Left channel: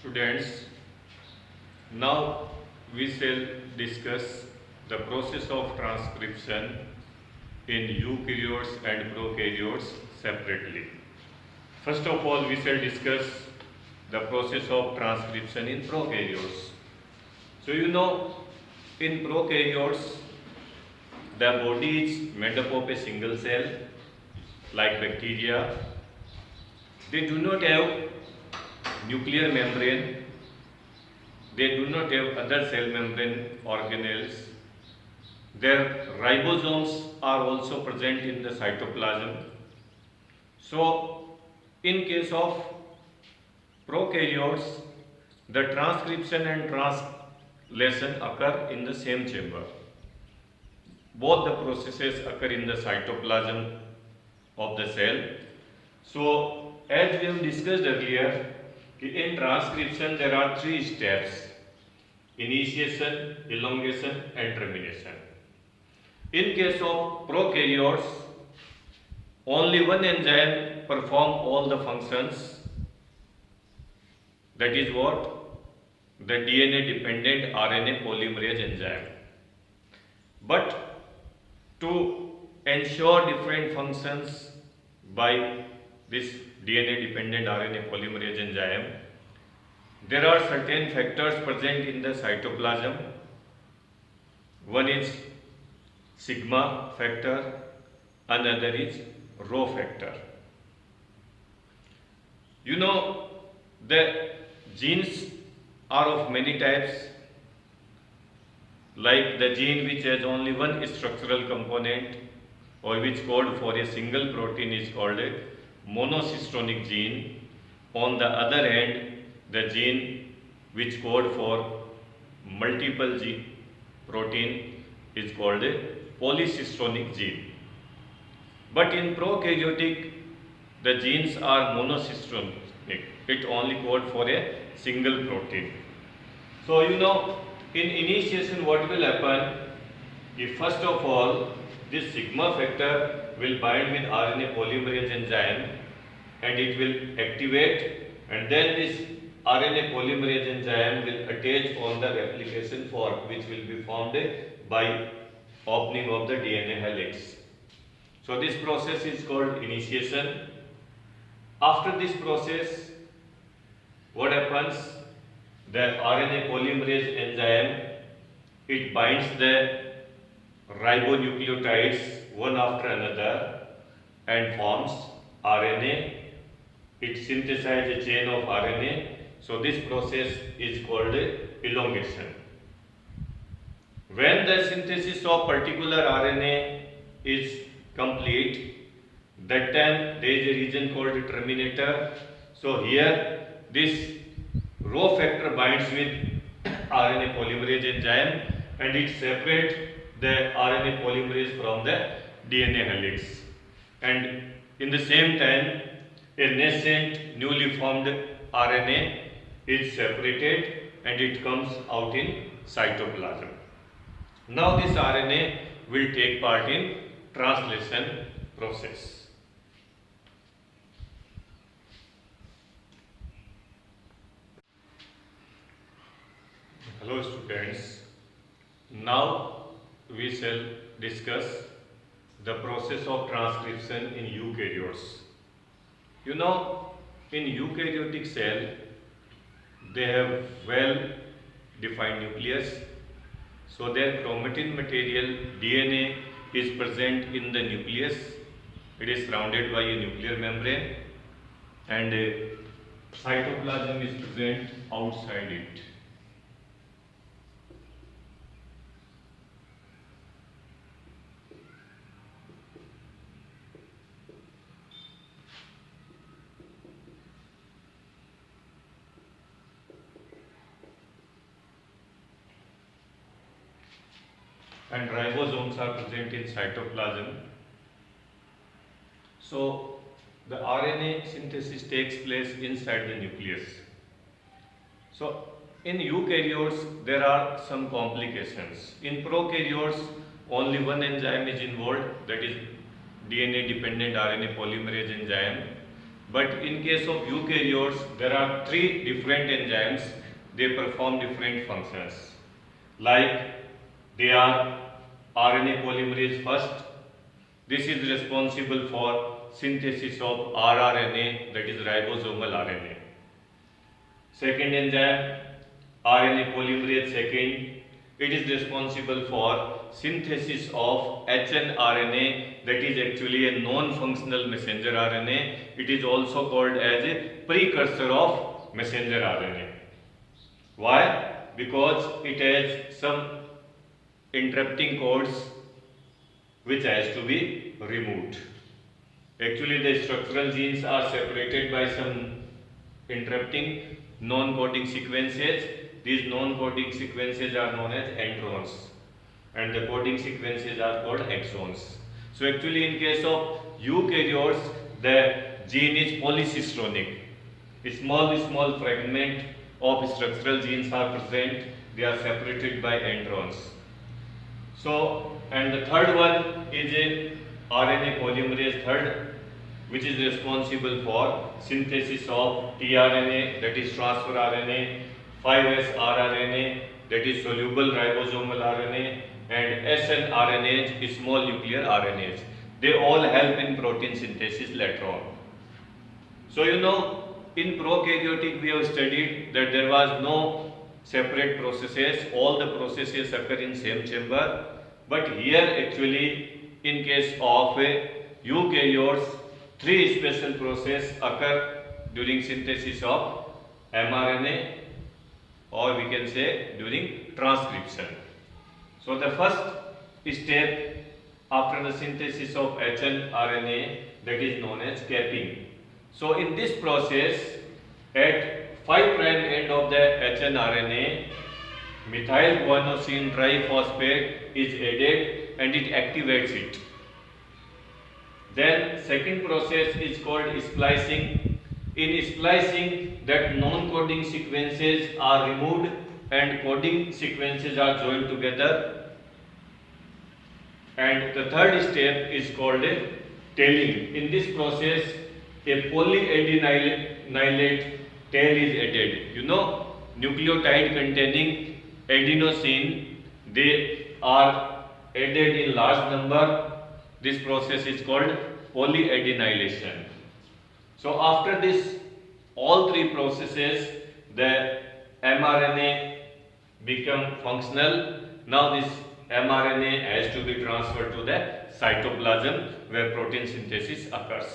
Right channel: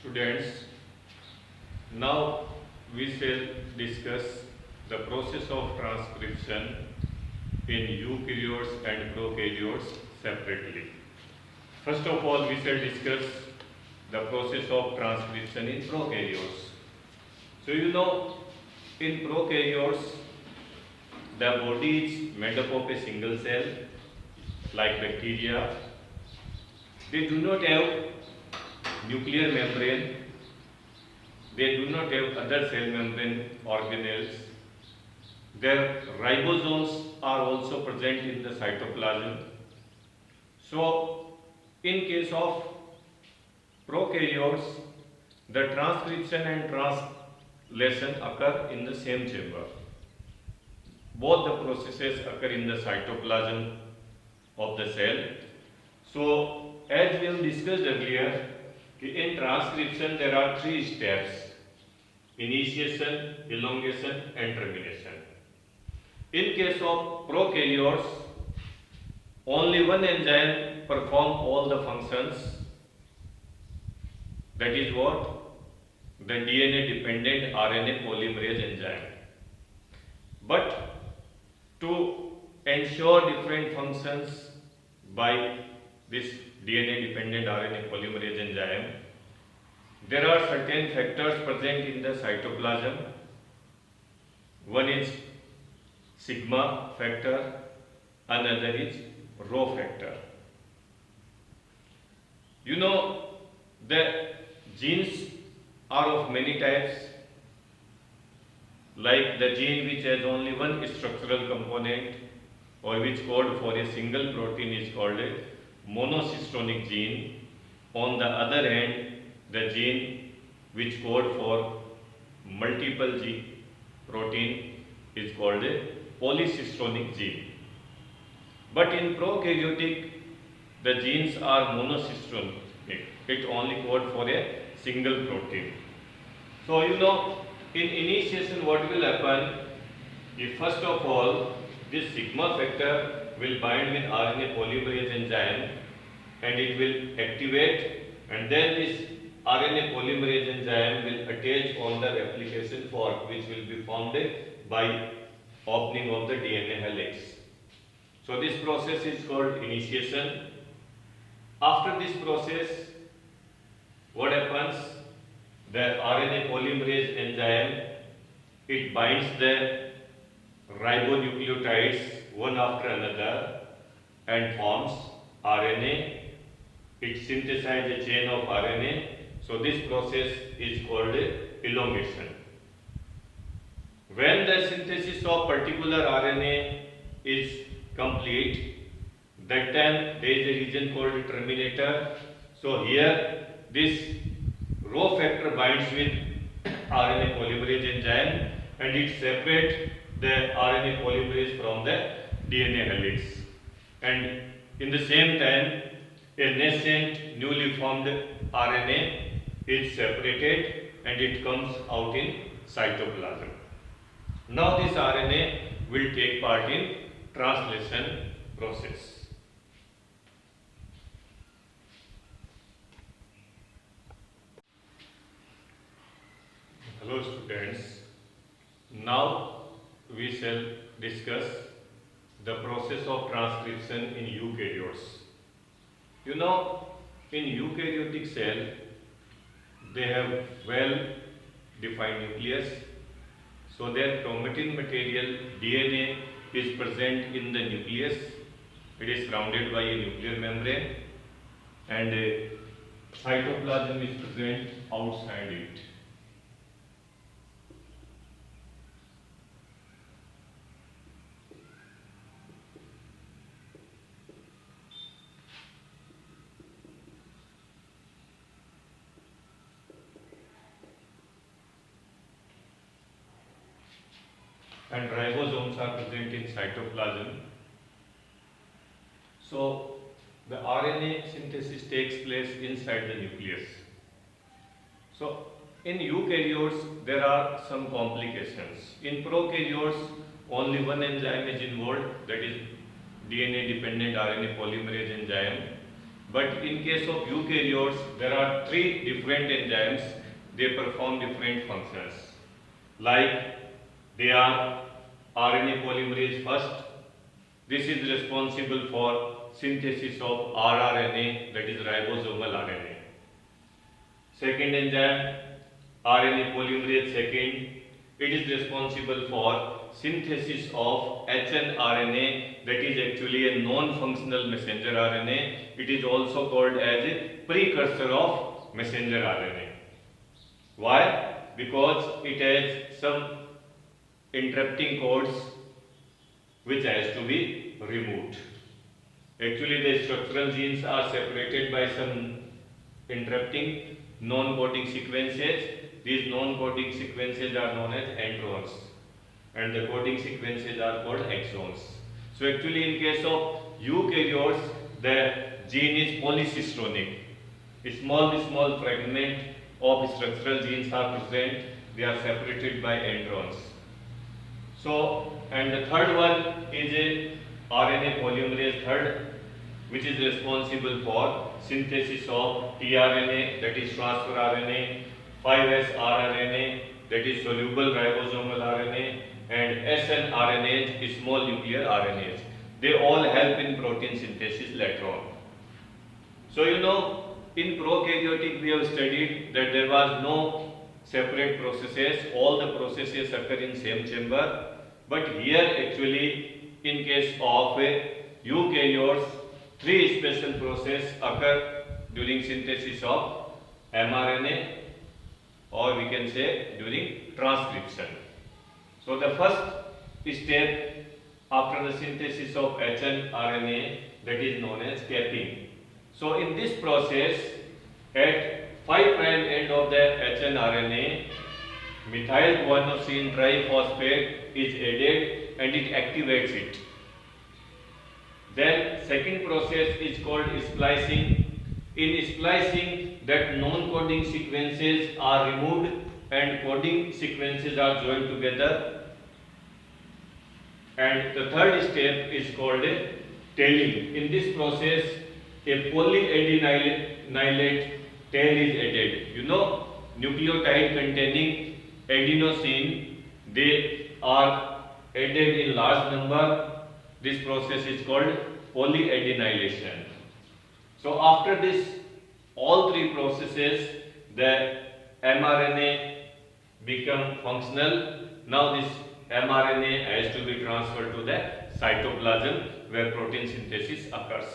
Students, now we shall discuss the process of transcription in eukaryotes and prokaryotes separately. First of all, we shall discuss the process of transcription in prokaryotes. So in prokaryotes, the body is made up of a single cell like bacteria. They do not have nuclear membrane, they do not have other cell membrane organelles. Their ribosomes are also present in the cytoplasm. So, in case of prokaryotes, the transcription and translation occur in the same chamber. Both the processes occur in the cytoplasm of the cell. So, as we have discussed earlier, in transcription there are three steps: initiation, elongation and termination. In case of prokaryotes, only one enzyme performs all the functions. That is what? The DNA dependent RNA polymerase enzyme. But to ensure different functions by this DNA dependent RNA polymerase enzyme, there are certain factors present in the cytoplasm. One is sigma factor, another is rho factor. The genes are of many types, like the gene which has only one structural component or which code for a single protein is called a monocystonic gene. On the other hand, the gene which code for multiple protein is called a polycystonic gene. But in prokaryotic, the genes are monocystonic. It only code for a single protein. So in initiation what will happen? If first of all this sigma factor will bind with RNA polymerase enzyme and it will activate, and then this RNA polymerase enzyme will attach on the replication fork which will be formed by opening of the DNA helix. So this process is called initiation. After this process, what happens? The RNA polymerase enzyme, it binds the ribonucleotides one after another and forms RNA. It synthesizes a chain of RNA. So this process is called elongation. When the synthesis of particular RNA is complete, that time there is a region called terminator. So here this rho factor binds with RNA polymerase enzyme and it separates the RNA polymerase from the DNA helix. And in the same time, a nascent newly formed RNA is separated and it comes out in cytoplasm. Now this RNA will take part in translation process. Hello students, now we shall discuss the process of transcription in eukaryotes. In eukaryotic cell, they have well defined nucleus. So their chromatin material DNA is present in the nucleus. It is surrounded by a nuclear membrane and a cytoplasm is present outside it. And ribosomes are present in cytoplasm. So the RNA synthesis takes place inside the nucleus. So in eukaryotes there are some complications. In prokaryotes only one enzyme is involved, that is DNA dependent RNA polymerase enzyme. But in case of eukaryotes, there are three different enzymes. They perform different functions. Like they are RNA polymerase first. This is responsible for synthesis of rRNA, that is ribosomal RNA. Second enzyme, RNA polymerase second. It is responsible for synthesis of hnRNA, that is actually a non-functional messenger RNA. It is also called as a precursor of messenger RNA. Why? Because it has some interrupting codes which has to be removed. Actually, the structural genes are separated by some interrupting non-coding sequences. These non-coding sequences are known as introns, and the coding sequences are called exons. So actually, in case of eukaryotes, the gene is polycistronic. A small fragment of structural genes are present. They are separated by introns. So, and the third one is a RNA polymerase third, which is responsible for synthesis of tRNA, that is transfer RNA, 5S rRNA, that is soluble ribosomal RNA, and snRNAs, small nuclear RNAs. They all help in protein synthesis later on. So in prokaryotic we have studied that there was no separate processes, all the processes occur in same chamber. But here actually in case of eukaryotes, three special processes occur during synthesis of mRNA, or we can say during transcription. So the first step after the synthesis of hnRNA, that is known as capping. So in this process, at 5' end of the hnRNA, methyl guanosine triphosphate is added and it activates it. Then second process is called splicing. In splicing, that non-coding sequences are removed and coding sequences are joined together. And the third step is called tailing. In this process, a polyadenylate tail is added. Nucleotide containing adenosine, they are added in large number. This process is called polyadenylation. So after this, all three processes, the mRNA become functional. Now this mRNA has to be transferred to the cytoplasm where protein synthesis occurs.